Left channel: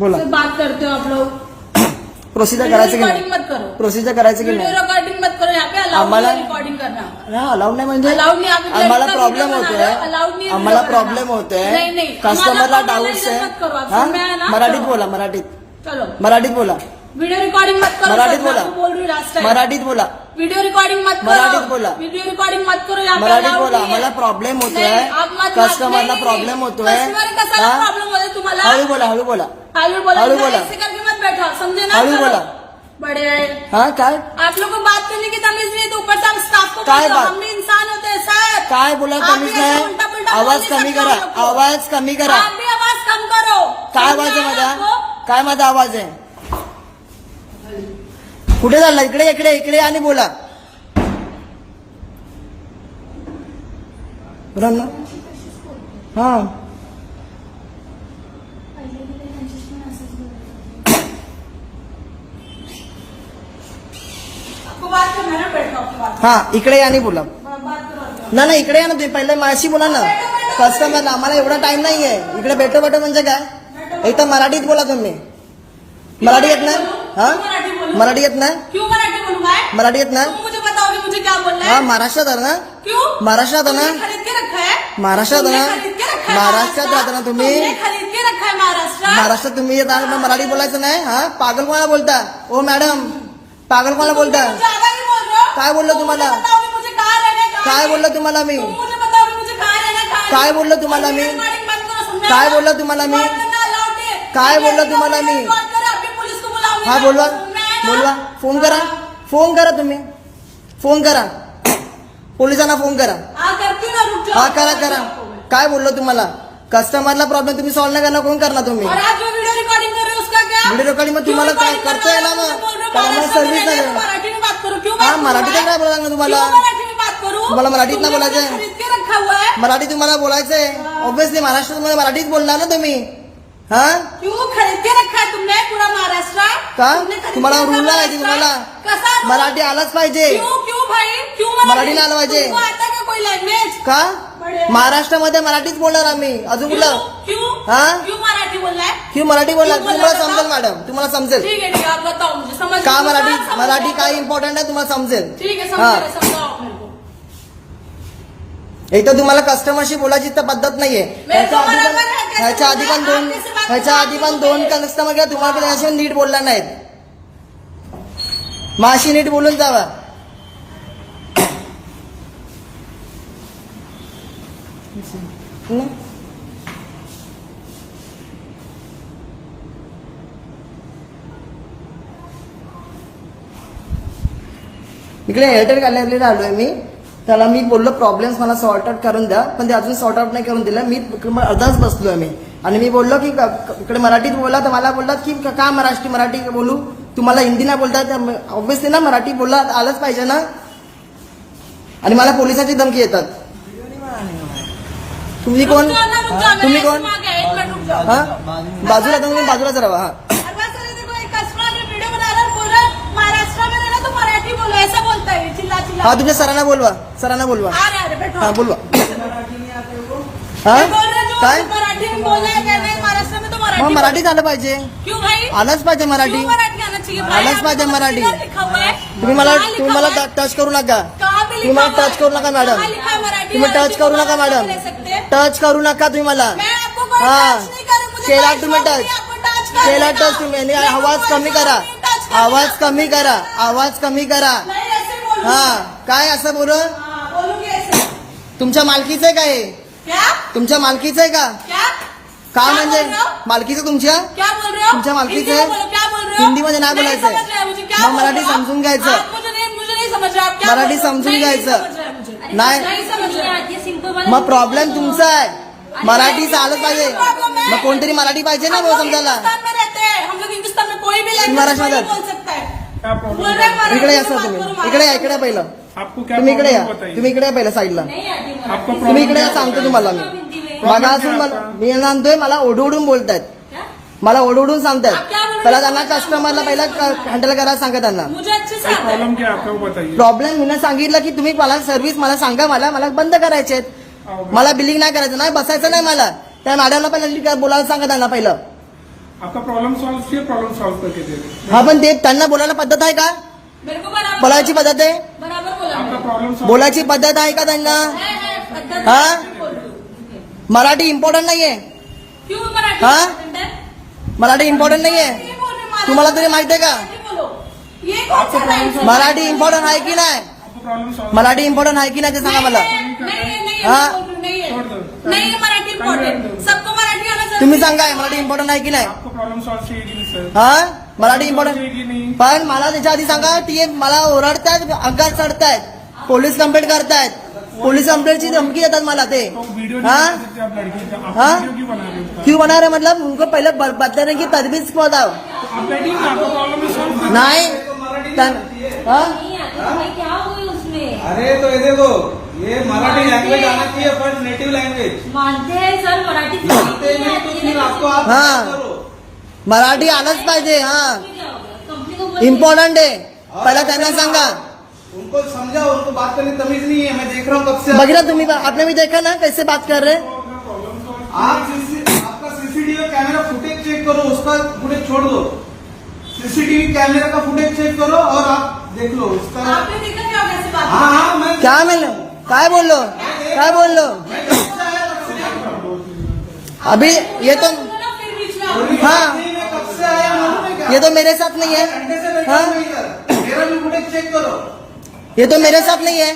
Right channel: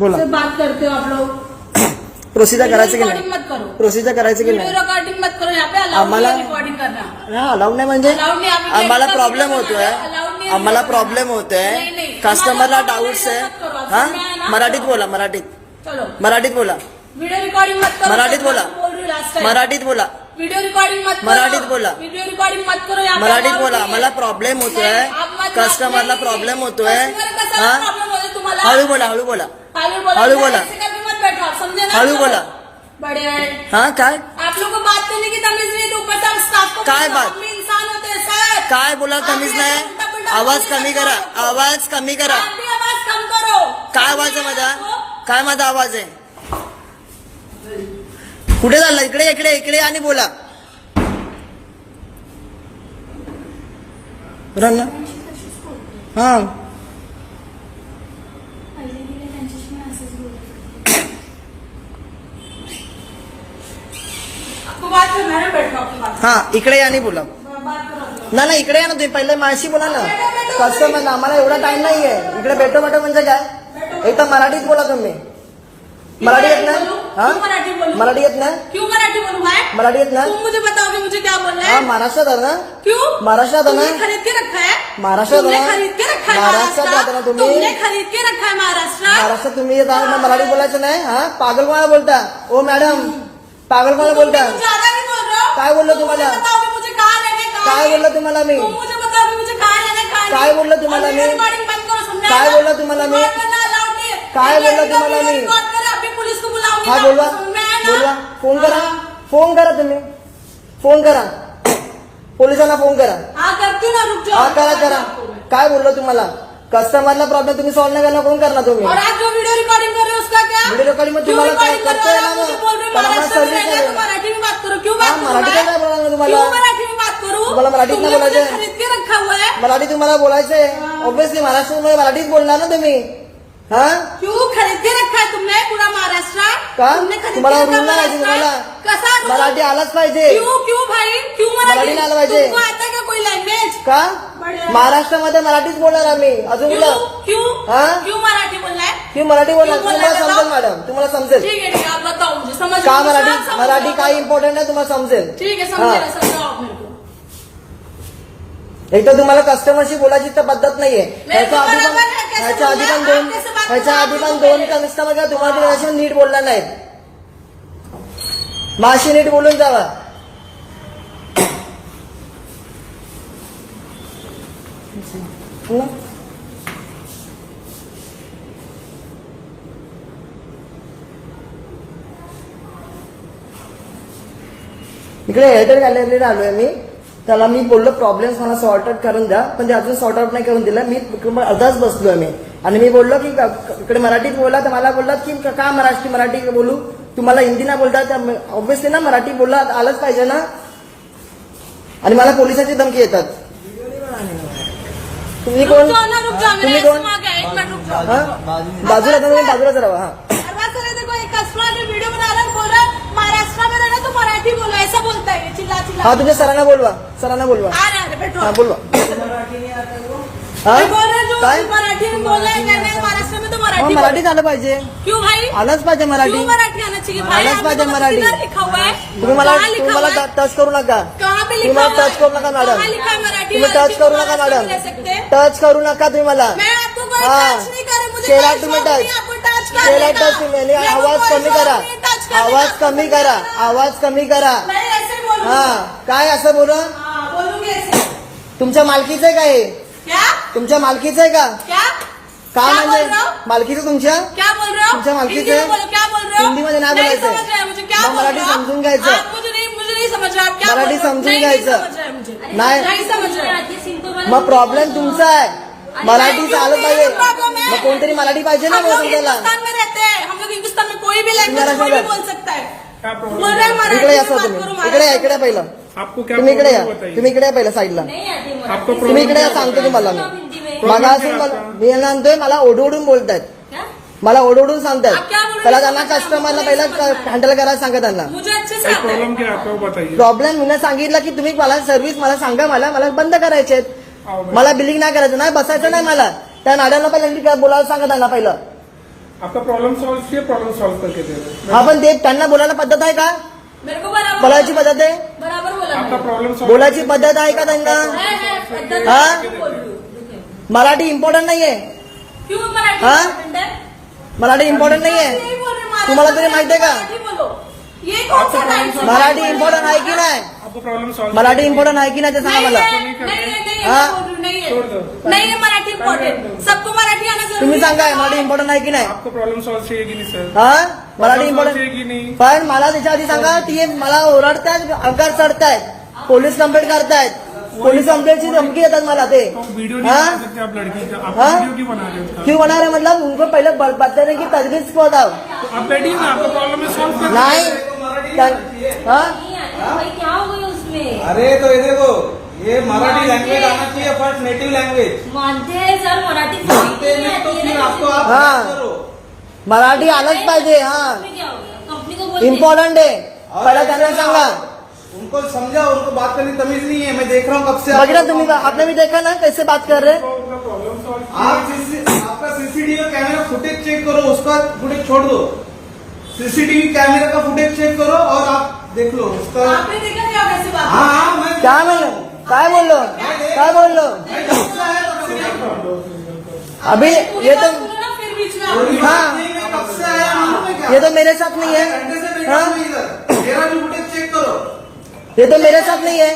बोला से बात करते हो आप लोग। प्रोसिजर करायचं की नाही रिकॉर्डिंग मत करो, प्रोसिजर करायचं की नाही रिकॉर्डिंग मत करो। यहाँ पे आम्हाला रिकॉर्डिंग करना हा अलाउड नाही म्हणजे Allowed नाही, आम्ही आम्हाला direct प्रॉब्लेम video होतोय बनाना, allowed नाही आम्हाला video प्रॉब्लेम बनाना. होतोय नाही, नाही. कस्टमरला आम्हाला डाऊट्स आहे मत करो, हा समजा ना. मराठीत बोला मराठीत चलो मराठीत बोला वीडियो रिकॉर्डिंग मत करो। मराठीत सब बोला. मैं बोल रही लास्ट टाइम। मराठीत बोला वीडियो रिकॉर्डिंग मत करो। मराठीत बोला. वीडियो रिकॉर्डिंग मत करो। यहाँ पे मराठीत allowed बोला नहीं है. आम्हाला प्रॉब्लेम होतोय नाही, आप मत- कस्टमरला नाही, प्रॉब्लेम नाही. होतोय Customer का हा सारा प्रॉब्लेम होता है तुम्हाला। हळू बोला हळू बोला हळू बोला. ऐसे करके मत बैठो, समझे ना। हळू बोला. बड़े हा काय आप लोगों को बात करने की तमीज नहीं, तो ऊपर से हम स्टाफ को काय पूछो, बात? हम भी इंसान होते हैं सर। काय बोला आप तमीज भी नाही उल्टा पुल्टा आवाज बोल कमी नहीं करा सकते हो। आवाज कमी करा आप भी आवाज कम करो। काय आवाज आहे समझे माझा आपको? काय माझा आवाज आहे कुठे चालला इकडे इकडे इकडे आणि बोला बरं ना हा आपको बात करना है, बैठो आपकी बात। हा इकडे आणि बोला बात करो। नाही इकडे या ना तुम्ही पहिले माझ्याशी बोला ना कस्टमर आम्हाला एवढा टाइम नाहीये इकडे भेटो भेटो म्हणजे काय एक तर मराठीत बोला तुम्ही मराठी येत ना हा क्यों मराठी बोलूं? मराठी येत ना क्यों मराठी बोलूं मैं? मराठी येत ना तुम मुझे बताओगे मुझे क्या बोलना हा है? महाराष्ट्रात आहे ना क्यों? महाराष्ट्रात आहे तुमने ना खरीद के रखा है? महाराष्ट्रात तुमने आहे ना? खरीद के रखा है महाराष्ट्रात राहता ना तुम्ही? तुमने खरीद के रखा है महाराष्ट्र। महाराष्ट्रात तुम्ही येत आहे मग मराठी बोलायचं नाही हा पागल कोणाला बोलता ओ मॅडम पागल कोणाला बोलता तुम ज्यादा नहीं बोल रहे हो। काय बोललो तुम तुम्हाला? मुझे बताओगे मुझे कहाँ रहना है, कहाँ काय नहीं? बोललो तुम्हाला मी तुम मुझे बताओगे मुझे कहाँ रहना है, कहाँ काय नहीं? बोललो तुम्हाला और मी? recording बंद करो, समझा काय ना? बोललो तुम्हाला मी? Record करना allowed नहीं है। काय बोललो ये तुम्हाला video मी? record करो, अभी पुलिस को बुलाऊंगी हा मैं, बोलवा समझ में आया ना? बोलवा फोन करा हाँ। फोन करा तुम्ही फोन करा पोलिसांना फोन करा हाँ करती हूँ ना, रुक जाओ। हा करा करा काय बोललो तुम्हाला कस्टमरला प्रॉब्लेम तुम्ही सॉल्व्ह नाही करणार कोण करणार तुम्ही और आप जो वीडियो रिकॉर्डिंग कर रहे हो उसका क्या? व्हिडिओ रेकॉर्डिंग मग तुम्हाला काय क्यों करता येणार recording कर ना रहे हो? मुझे बोल रहे हो, पण आम्हाला महाराष्ट्र में सर्व्हिस रहना है, नाही तो मराठी में बात करो। क्यों हा बात करूं मराठी मैं? काय बोलणार क्यों तुम्हाला मराठी में बात करूं? तुम्हाला मराठीत तुमने नाही मुझे बोलायचं? खरीद के रखा हुआ है। मराठी तुम्हाला बोलायचं आहे ऑब्विसली महाराष्ट्रात मराठीत बोलणार ना तुम्ही हा क्यों खरीद के रखा है तुमने पूरा महाराष्ट्र? का तुमने खरीद तुम्हाला के रखा रूल नाही महाराष्ट्र? तुम्हाला कसा rule? मराठी आलंच पाहिजे क्यों क्यों भाई क्यों मराठी आलं पाहिजे. तुमको आता क्या कोई लैंग्वेज? का बढे. महाराष्ट्रामध्ये मराठीच बोलणार आम्ही अजून क्यों कुठलं क्यों हाँ? क्यों मराठी बोलना है? क्यों मराठी बोलणार क्यों तुम्हाला बोलणार समजेल बताओ? मॅडम तुम्हाला समजेल ठीक है ठीक है, आप बताओ मुझे समझ का मराठी समझ- मराठी समझ- काय इम्पॉर्टंट आहे तुम्हाला समजेल ठीक है हा समझाओ आप मेरे को। इथं तुम्हाला कस्टमरशी बोलायची तर पद्धत नाहीये ह्याच्या आधी पण बरोबर आहे, कैसे ह्याच्या आधी पण बोलणार? दोन आप कैसे बात ह्याच्या आधी पण करणार? दोन कस्टमर किंवा तुम्हाला त्याच्याशी नीट बोलल्या नाहीत माशी नीट बोलून जावा हं? इकडे एअरटेल गॅलरीला आलोय मी त्याला मी बोललो प्रॉब्लेम्स मला सॉर्ट आउट करून द्या पण ते अजून सॉर्ट आउट नाही करून दिलं मी इकडे अर्धाच बसलोय मी आणि मी बोललो की इकडे मराठीत बोला तर मला बोललात की का मराठी बोलू तुम्हाला हिंदी नाही बोलता तर ऑब्व्हियसली ना मराठी बोलला आलंच पाहिजे ना आणि मला पोलिसाची धमकी येतात तुम्ही कोण रुक जाओ ना, रुक जाओ, तुम्ही मेरा कोण ऐसे मांगा है, एक मिनट रुक जाओ। हा बाजूला तुम्ही बाजूला राहा हा हर बात सर देखो एक कस्टमर ने वीडियो बना रहा है, बोल रहा है, महाराष्ट्र में रहना तो मराठी बोलो, ऐसा बोलता है चिल्ला चिल्ला। हा तुमच्या सरांना बोलवा आ रहे बैठो। हा बोलवा हा मैं बोल रहा हूँ, काय जो मराठी में बोलना है कहना है महाराष्ट्र में तो हा, मराठी मराठीत आलं पाहिजे बोलो। क्यों भाई आलंच पाहिजे मराठी क्यों मराठी आना चाहिए भाई? आलंच आपने पाहिजे तो मराठी. किधर लिखा हुआ है? तुम्ही मला कहाँ लिखा तुम्ही हुआ मला है? टच करू नका कहाँ पे तुम्ही लिखा मला हुआ टच करू नका है? मॅडम कहाँ लिखा है मराठी? तुम्ही टच करू नका मॅडम ले सकते हैं? टच करू नका तुम्ही मला मैं आपको कोई हाँ. टच नहीं कर रही, मुझे केला कोई तुम्ही शौक नहीं, टच. आपको टच कर केला लेना। टच तुम्ही आणि मेरे को आवाज कोई कमी शौक करा नहीं टच करने आवाज का, कमी आपको करा करना। आवाज कमी करा नहीं ऐसे बोलूंगी। हा काय असं बोल हाँ, बोलूंगी ऐसे। तुमच्या मालकीचं आहे का हे क्या तुमच्या मालकीचं आहे का क्या काय क्या म्हणजे बोल रहे हो? मालकीचं तुमच्या क्या बोल रहे हो? तुमच्या मालकीचं हिंदी में बोलो, क्या बोल रहे हो? हिंदीमध्ये नाही बोलायचं. समझ रहे हैं मुझे, क्या मग बोल मराठी रहे हो? समजून घ्यायचं. आप मुझे नहीं समझ रहे, आप क्या मराठी बोल रहे हो? समजून नहीं घ्यायचं. समझ रहे मुझे. नाही. नहीं समझ रहे. मग प्रॉब्लेम तुमचा आहे मराठी चालू पाहिजे प्रॉब्लम है. मग कोणतरी मराठी पाहिजे ना हम मला लोग समजायला हिंदुस्तान में रहते हैं, हम लोग हिंदुस्तान में कोई भी लैंग्वेज तुम्हारा कोई भी समझ- बोल सकता है। बोल रहे हैं मराठी इकडे में या बात तुम्ही करो, इकडे या महाराष्ट्र इकडे पहिलं आपको क्या तुम्ही इकडे या प्रॉब्लम बताइए तुम्ही इकडे या पहिलं साईडला आपको तुम्ही प्रॉब्लम इकडे या क्या सांगतो बताइए? तुम्हाला मी मागासून मला मी सांगतोय मला ओढवडून बोलतात क्या? मला ओढवडून सांगतात आप क्या बोल रहे हो? पहिला त्यांना कस्टमरला पहिला हँडल करायला सांगा त्यांना मुझे अच्छे से भाई आता है। प्रॉब्लम क्या आता है वो बताइए प्रॉब्लेम मी सांगितलं की तुम्ही मला सर्व्हिस मला सांगा मला बंद करायचे आओ भाई. मला बिलिंग नाही करायचं ना बसायचं नाही मला त्या मॅडमला पहिलं बोलायला सांगा त्यांना पहिलं आपका प्रॉब्लम सॉल्व किया, प्रॉब्लम सॉल्व करके दे रहे हा पण ते त्यांना बोलायला पद्धत आहे का? मेरे को बराबर बोलायची पद्धत आहे? बराबर बोला आपका प्रॉब्लम सॉल्व बोलायची पद्धत आहे का त्यांना? है, पद्धत हाँ? है, बोल दो। मराठी इम्पॉर्टंट नाहीये. क्यों मराठी हाँ? important है? मराठी इम्पॉर्टंट नाहीये. नहीं बोल रहे, महाराष्ट्र तुम्हाला तरी में माहिती आहे का? मराठी बोलो. ये कौन आपको सा प्रॉब्लम right है? मराठी इम्पॉर्टंट आहे की नाही? आपको प्रॉब्लम सॉल्व मराठी इम्पॉर्टंट आहे की नाही ते सांगा नहीं मला. है, नहीं है, हाँ? मैं बोल रही हूँ, नहीं है. छोड़ दो. नहीं है मराठी इम्पोर्टेंट. सबको मराठी आना जरूरी तुम्ही है. सांगा मराठी इम्पॉर्टंट आहे की नाही? आपको प्रॉब्लम सॉल्व चाहिए कि नहीं सर? हा मराठी प्रॉब्लम सॉल्व इम्पॉर्टंट चाहिए कि नहीं? पण मला त्याच्या आधी सांगा ती मला ओरडतायत, अंगार चढतायत, पोलीस कंप्लेंट करतायत, पोलीस कंप्लेंटची धमकी येतात मला ते. तो वीडियो नहीं हाँ? बना सकते आप लड़की का, आप हाँ? वीडियो क्यों बना रहे हो उसका? क्यों बना रहे मतलब उनको पहले बताने की तजवीज बताओ. तो आप बैठिए ना, आपका प्रॉब्लम है सॉल्व कर. नाही हा नहीं आती तो भाई क्या हो गई उसमें? अरे तो ये देखो, ये मराठी लैंग्वेज आना चाहिए फर्स्ट, नेटिव लैंग्वेज. मानते हैं सर मराठी तो मानते नहीं तो फिर आपको आप हाँ. करो. मराठी आलंच पाहिजे. हा क्या हो गया? कंपनी को बोल इम्पॉर्टंट आहे. पहिला त्यांना सांगा. उनको समझाओ, उनको बात करने की तमीज नहीं है. मैं देख रहा हूँ कब से. बघितला तुम्ही आपने भी देखा ना कैसे बात कर रहे. आपका सीसीटीवी कैमरा फुटेज चेक करो, उसका फुटेज छोड़ दो. सीसीटीवी कैमरा का फुटेज चेक करो और आप देख लो उसका. आपने देखा क्या कैसे बात हाँ हाँ मैं क्या मैंने काय बोललो काय बोललो अभी ये तो बोलो ना, फिर बीच में आप हाँ मैं कब से आया मालूम है क्या? ये तो मेरे साथ नहीं है. घंटे से बैठा हाँ हूँ मैं इधर. मेरा भी फुटेज चेक करो. ये तो मेरे साथ नहीं है.